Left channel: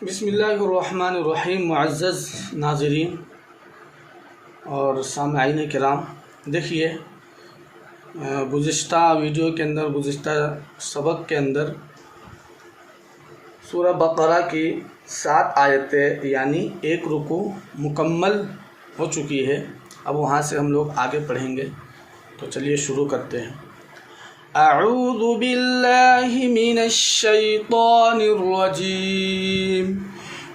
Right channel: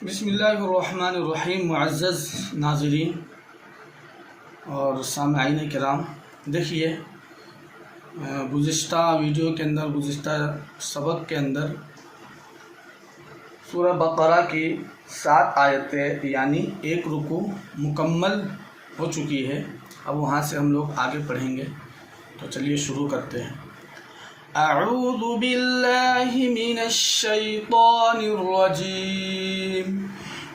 बिस्मिल्लाहिर्रहमानिर्रहीम। मुअज़्ज़ज़ नाज़रीन और सामईन किराम, देखिए गुज़िश्ता वीडियो के अंदर, गुज़िश्ता सबक के अंदर सूरह बक़रा की 7 आयतें यानी एक रुकू मुकम्मल हो चुकी है। अब वहाँ से हम लोग आगे पढ़ेंगे, तो चलिए शुरू करते हैं। अऊज़ु बिल्लाहि मिनश शैतानिर रजीम।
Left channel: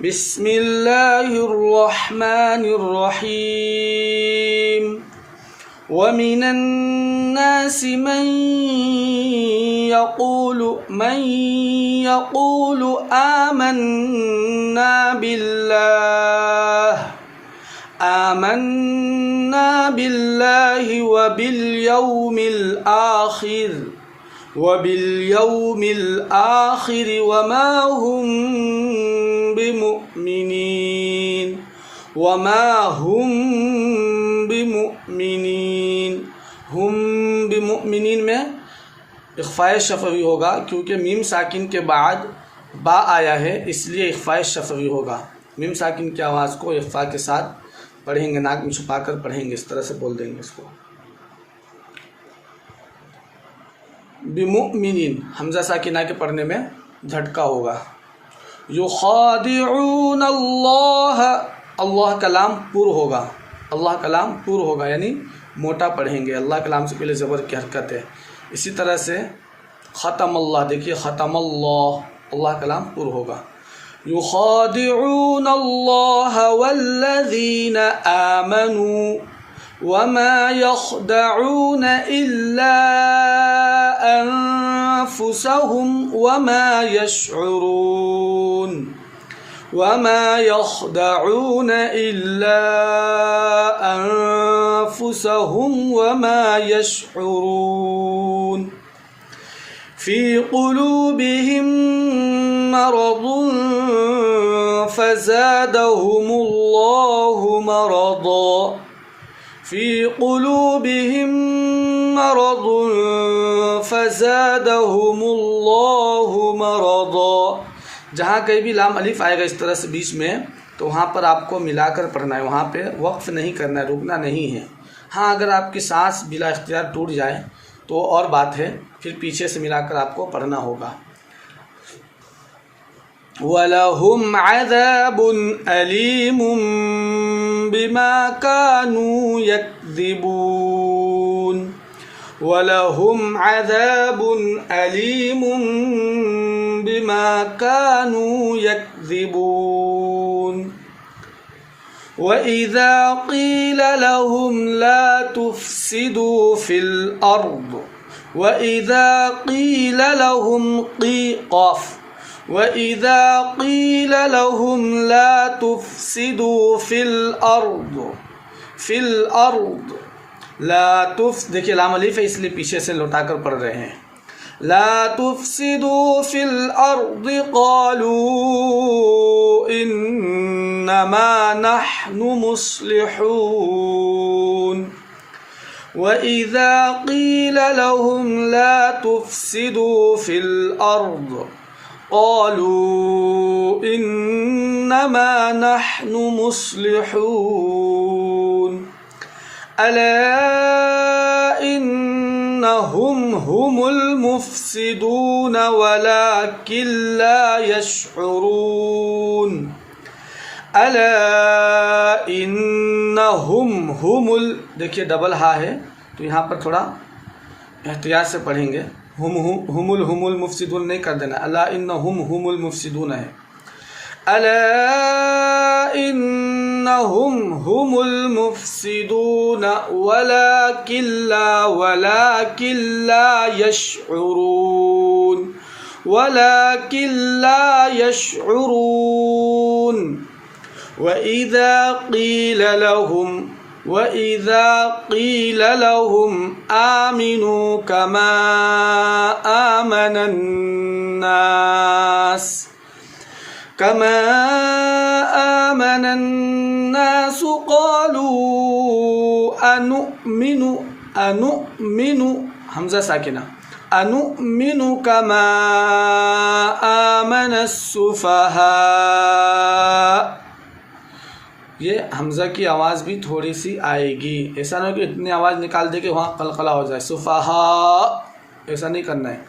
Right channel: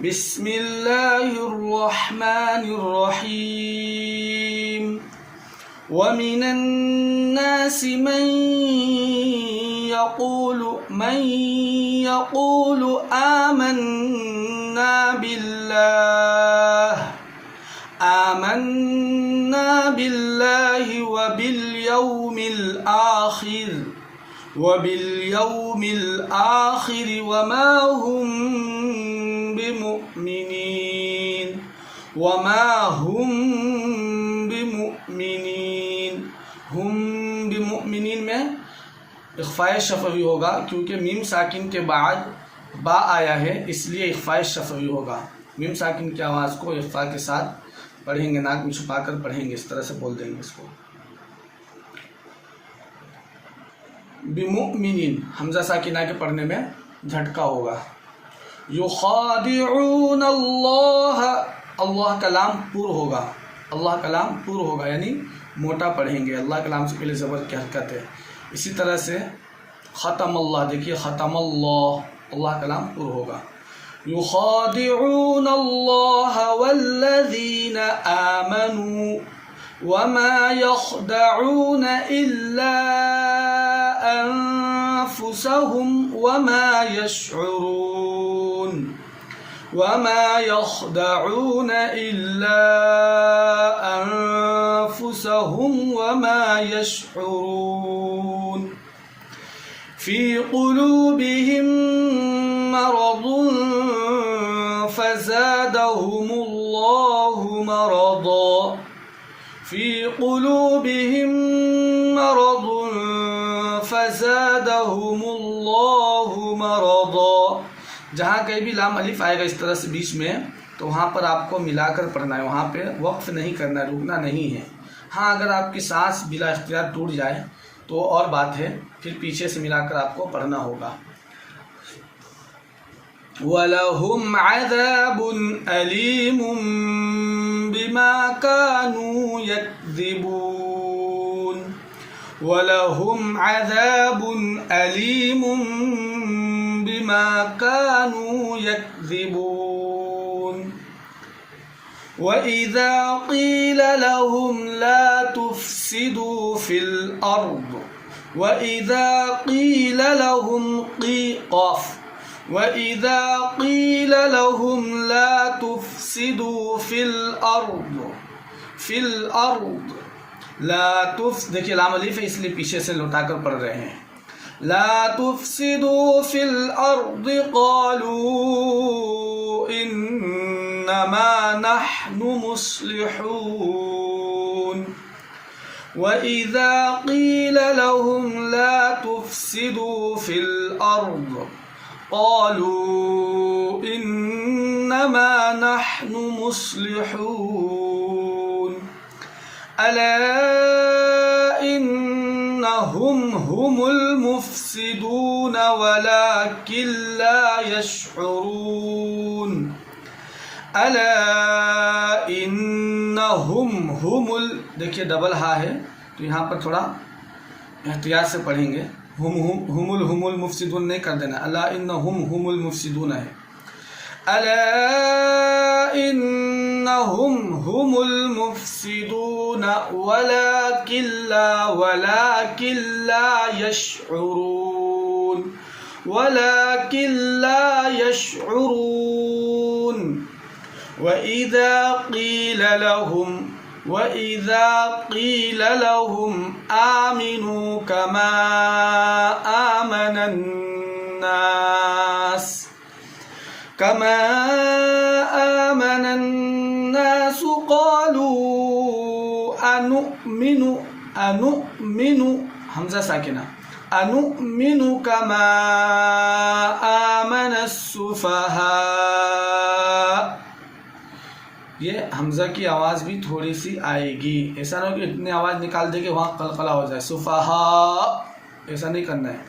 बिस्मिल्लाहिर रहमानिर रहीम। व मिनन नासि मन यक़ूलु आमन्ना बिल्लाहि व बिल आखिर वमा हुम बिमुमिनीन में इख़फ़ाए शफ़वी होगा, क्योंकि मीम साकिन के बाद बा आया है, इसलिए इख़फ़ाए शफ़वी होगा। मीम साकिन की आवाज़ को इख़फ़ा के साथ पढ़ेंगे, नाक में छुपा कर पढ़ेंगे, इस तरह से बोल देंगे इसको। बिमुमिनीन हमज़ा साकिना के पढ़ने में झटका होगा। युखादिऊन अल्लाह कलाम पूर होगा, अल्लाह कलाम पूर होगा यानी मोटा पढ़ेंगे। अल्लाह कलाम से पहले ज़बर की हरकत है। इसी तरह से ख़तम अल्लाह, देखिए ख़तम अल्लाह कलाम पूर होगा। युखादिऊन अल्लाह वल्लज़ीन आमनू वमा यख़दऊन इल्ला अनफुसहुम वमा यख़दऊन इल्ला अनफुसहुम वमा यशऊरून। फ़ी क़ुलूबिहिम मरज़ुन फ़ज़ादहुमुल्लाहु मरज़ा। फ़ी क़ुलूबिहिम मरज़ुन फ़ज़ादहुमुल्लाहु मरज़ा। जहाँ कहीं भी लाम अलिफ आएगा इस तरह से बीच में, तो वहाँ पर आपको मिलाकर पढ़ना है, वहाँ पे वक्फ़ नहीं करना है, रुकना नहीं है। हाँ, अगर आपकी सांस बिला इख्तियार टूट जाए तो और बात है, फिर पीछे से मिलाकर आपको पढ़ना होगा। वलहुम अज़ाबुन अलीमुम बिमा कानू यक्ज़िबून। वलहुम अज़ाबुन अलीमुम बिमा कानू यक्ज़िबून। वइज़ा क़ील लहुम ला तुफ़सिदू फ़िल अर्द वइज़ा क़ील लहुम ला तुफ़सिदू फ़िल अर्द ला तुफ़, देखिए लाम अलिफ है इसलिए पीछे से लौटाकर पढ़ रहे हैं। ला तुफ़सिदू फ़िल अर्द क़ालू इन्नमा नहनु मुस्लिहून। वइज़ा क़ील लहुम ला तुफ़सिदू फ़िल अर्द क़ालू इन्नमा नहनु मुस्लिहून। अला इन्नहुम हुमुल मुफ़सिदून वलाकिन ला यशऊरून। अला इन्नहुम हुमुल, देखिए डबल हा है तो यहाँ पर थोड़ा एहतियात से पढ़ेंगे। हुमुल मुफ़सिदून नहीं कर देना, अला इन्नहुम हुमुल मुफ़सिदून है। अला इन्नहुम हुमुल मुफ़सिदून वलाकिन ला यशऊरून। वइज़ा क़ील लहुम आमिनू कमा आमनन नास क़ालू अनुमिनु हमज़ा साकिना अनुमिनु कमा आमनस्सुफ़हा ये हमज़ा की आवाज़ भी थोड़ी सी आएगी। ऐसा ना हो कि इतनी आवाज़ निकाल दे कि वहाँ कलकला हो जाए। सुफहा, ऐसा नहीं करना है।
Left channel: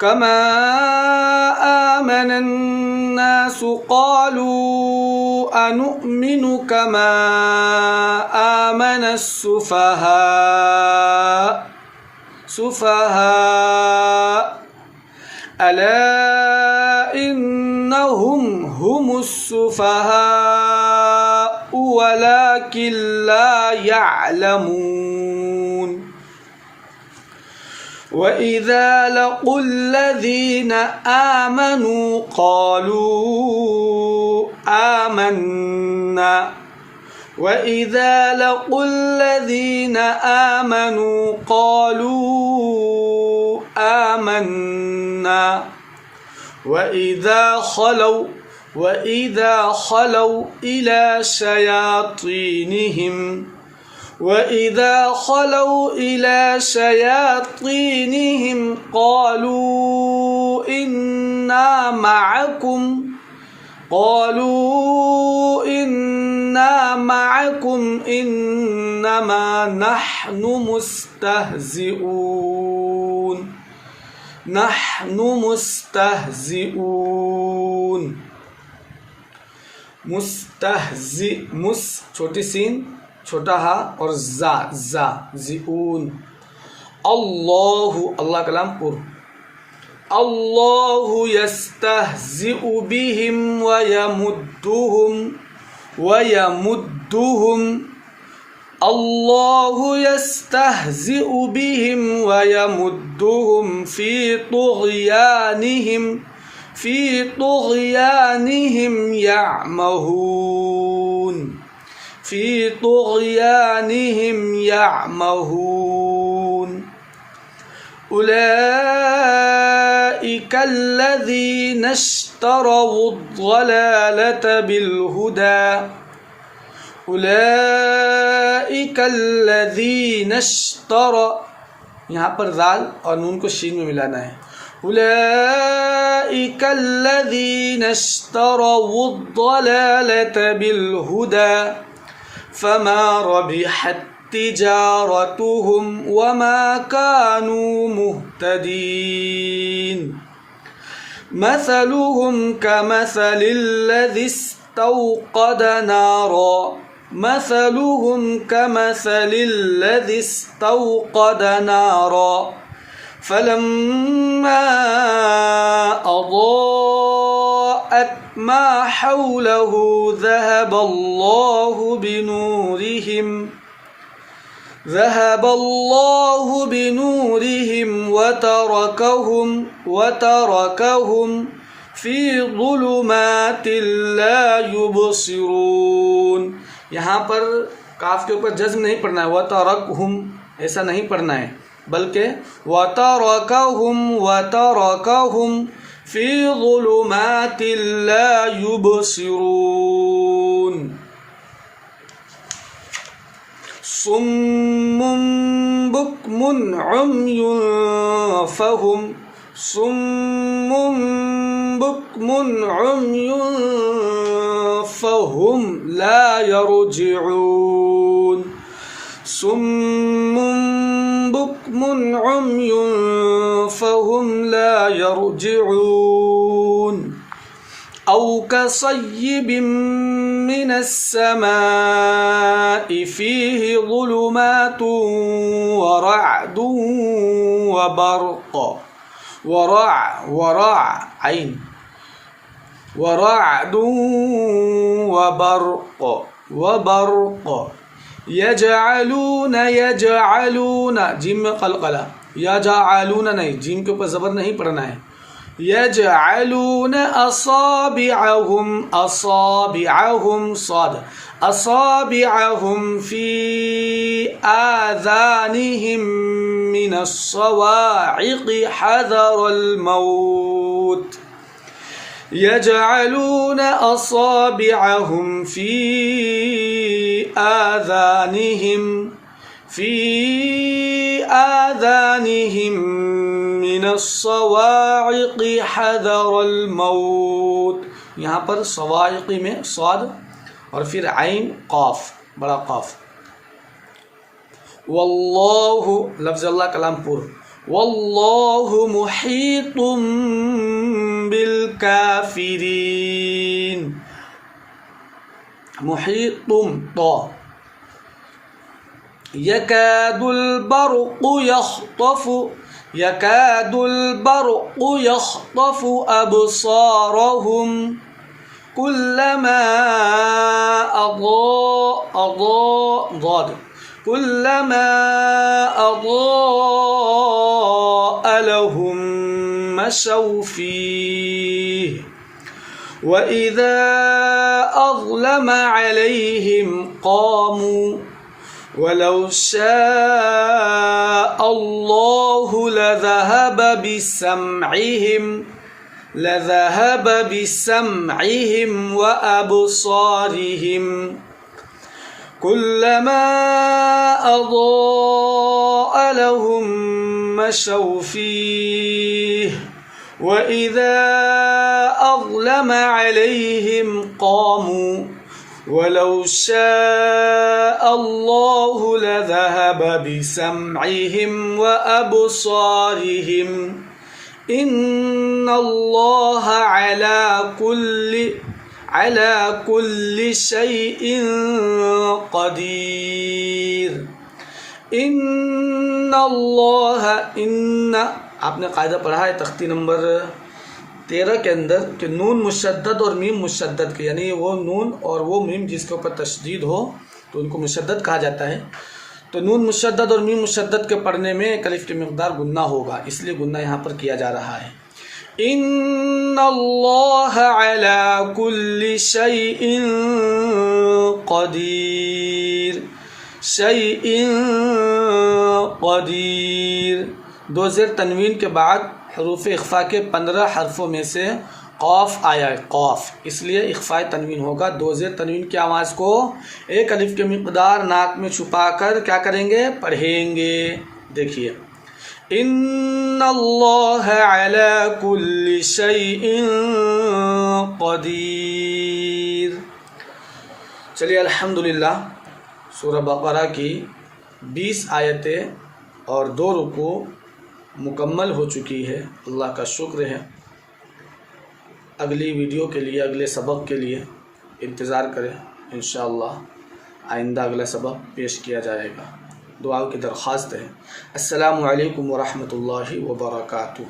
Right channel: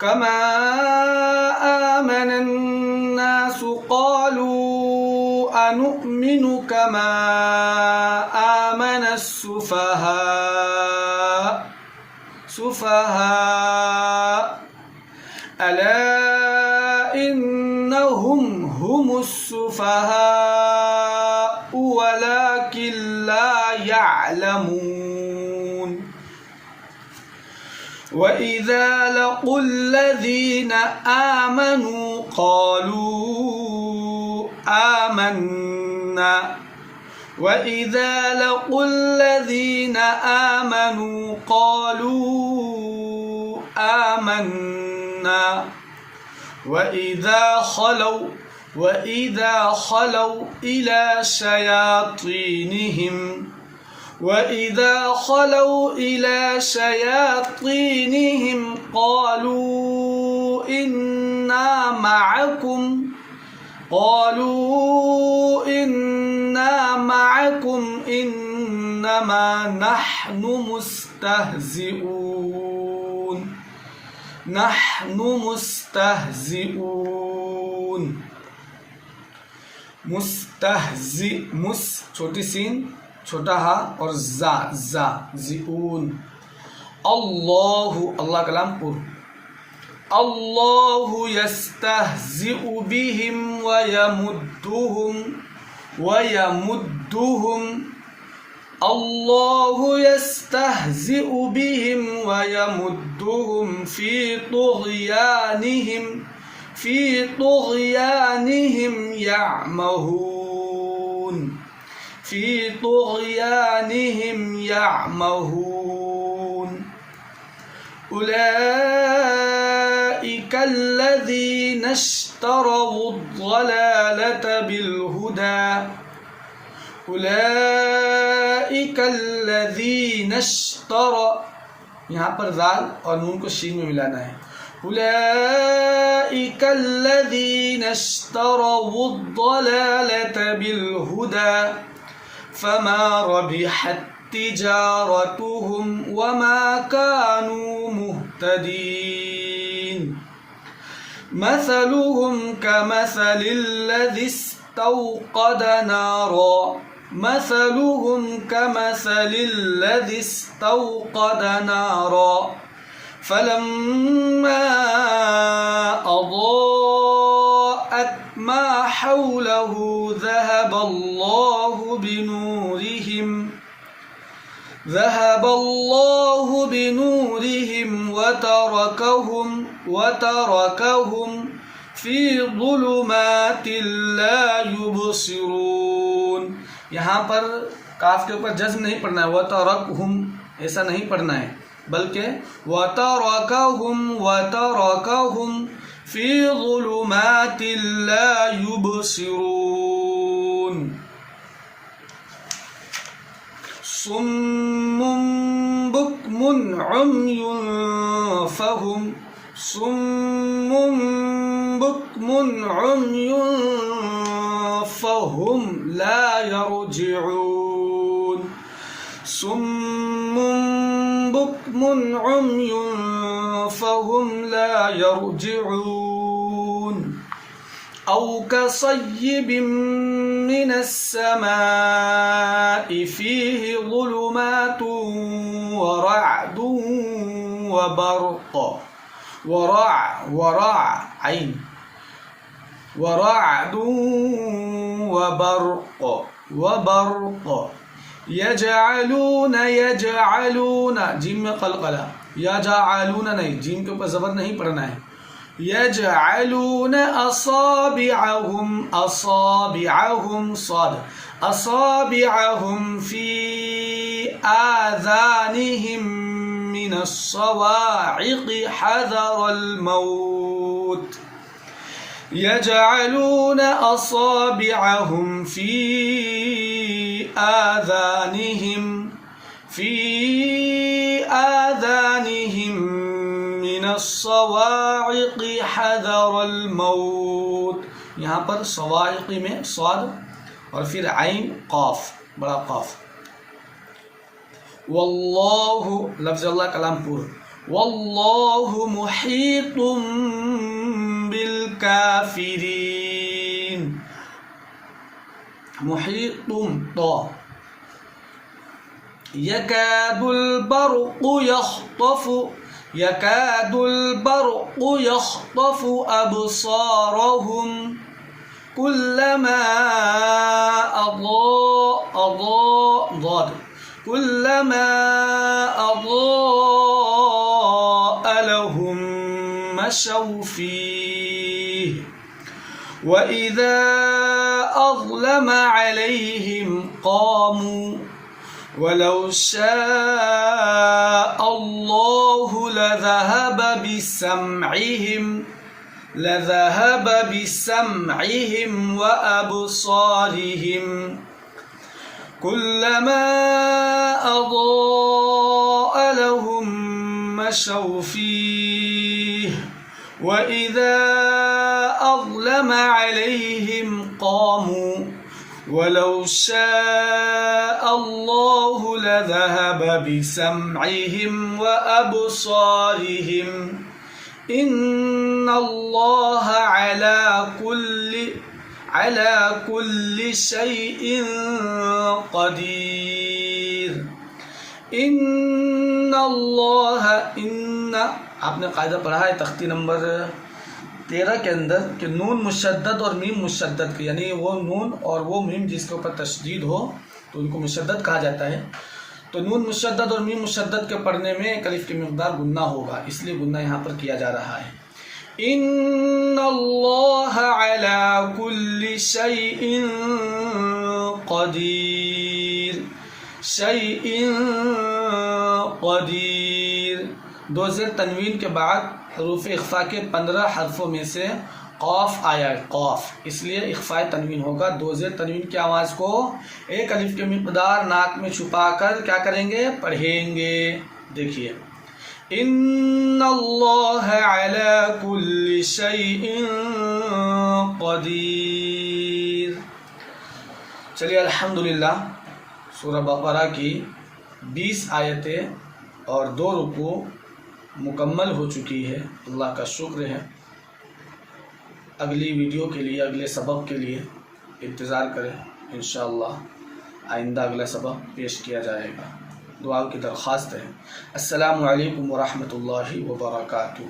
कमा आमनन्नासु क़ालू अनुमिनु कमा आमनस्सुफहा। सुफहा अला इन्नहुम हुमुस्सुफहा वलाकिन ला यअलमून। वइज़ा लक़ुल्लज़ीन आमनू क़ालू आमन्ना। वइज़ा लक़ुल्लज़ीन आमनू क़ालू आमन्ना। वइज़ा खलौ इला शयातीनिहिम क़ालू इन्ना मअकुम इन्नमा नहनु मुस्तहज़िऊन। मुस्तहज़ि, मुस छोटी सीन छोटा हा और जा जिऊन। अल्लाहु, अल्लाह कलाम पुर। अल्लाहु यस्तहज़िउ बिहिम व यमुद्दुहुम। अल्लाहु यस्तहज़िउ बिहिम व यमुद्दुहुम फ़ी तुग़यानिहिम यअमहून। उलाइका अल्लज़ीना इश्तरवुद्दलालत बिलहुदा। उलाइका अल्लज़ीना यहाँ पर दाल और नून को शीन में मिलाना है। उलाइका अल्लज़ीना इश्तरवुद्दलालत बिलहुदा फमा रबिहत तिजारतुहुम वमा कानू मुहतदीन। मसलुहुम कमसलिल्लज़ी इस्तौक़द नारा। मसलुहुम कमसलिल्लज़ी इस्तौक़द नारा फलम्मा अज़ाअत मा हौलहु ذهب الله بنورهم وتركهم في ظلمات لا يبصرون। यहाँ पर काफ के ऊपर जज्म नहीं पढ़ना है, वतरकहुम ऐसा नहीं पढ़ना है, बल्कि वतरकहुम फी ज़ुलुमातिल ला युबसिरून। सुम्मुन बुक्मुन उम्युन फहुम ला यरजिऊन। सुम्मुन बुक्मुन उम्युन फहुम ला यरजिऊन। औ कसय्यिबिन मिनस समाइ फीहि ज़ुलुमातुन व रअदुन व बर्क़। वरअदुन वबर्क़ यजअलून जिम में क़लक़ला, यजअलून नहीं, जिम के ऊपर ज़बर नहीं पढ़ना है। यजअलून असाबिअहुम साद असाबिअहुम फी आज़ानिहिम मिनस्सवाइक़ हज़रल मौत। यजअलून असाबिअहुम फी आज़ानिहिम मिनस्सवाइक़ हज़रल मौत। यहाँ पर सवाइक़ में स्वाद और फिर आइन क़ाफ, बड़ा क़ाफ। वल्लाहु लफ्ज़ अल्लाह कलाम पूर्व, वल्लाहु मुहीतुम बिल काफिरीन, मुहीतुम तो यकादुल बरक़ु यख़्तफ़ु, यकादुल बरक़ु यख़्तफ़ु अबसारहुम कुल्लमा कुल्लमा अज़ाअ लहुम मशौ फ़ीह व इज़ा अज़लम अलैहिम क़ामू वलौ शाअ अल्लाहु लज़हब बिसमइहिम व अबसारिहिम कुल्लमा अज़ाअ लहुम मशौ फ़ीह व इज़ा अज़लम अलैहिम क़ामू वलौ शाअ अल्लाहु लज़हब बिसमइहिम व अबसारिहिम इन्नल्लाह अला कुल्लि शैइन क़दीर। इन्नल्लाह, इन्ना आपने कायदा पढ़ा है तख्ती नंबर 13 के अंदर कि नून मुशद्दद और मीम मुशद्दद के, यानी वो नून और वो मीम जिसके ऊपर तशदीद हो तो उनको मुशद्दद कहा जाता है। तो नून मुशद्दद और मीम मुशद्दद के पढ़ने में एक अलिफ की मिक़दार गुन्ना होगा, इसलिए गुन्ना यहाँ पर किया जा रहा है। इन्नल्लाह अला कुल्लि शैइन क़दीर, शैइन क़दीर। दो ज़ेर तनवीन के बाद हरूफ इख्फा के 15 हरफों में से क़ाफ आया है, क़ाफ, इसलिए इख्फ़ाए तनवीन होगा। दो ज़ेर तनवीन की आवाज़ को एक अलिफ की मिक़दार नाक में छुपाकर क्या करेंगे, पढ़ेंगे। देखिए, इन्नल्लाह अला कुल्लि शैइन क़दीर। चलिए, अल्हम्दुलिल्लाह, सूरह बक़रा की 20 आयतें और 2 रुकू मुकम्मल हो चुकी है। अल्लाह का शुक्र है। अगली वीडियो के लिए, अगले सबक के लिए इंतज़ार करें। इंशाअल्लाह आइंदा अगला सबक पेश किया जाएगा। दुआ की दरख्वास्त है। अस्सलामु अलैकुम व रहमतुल्लाहि व बरकातुहू।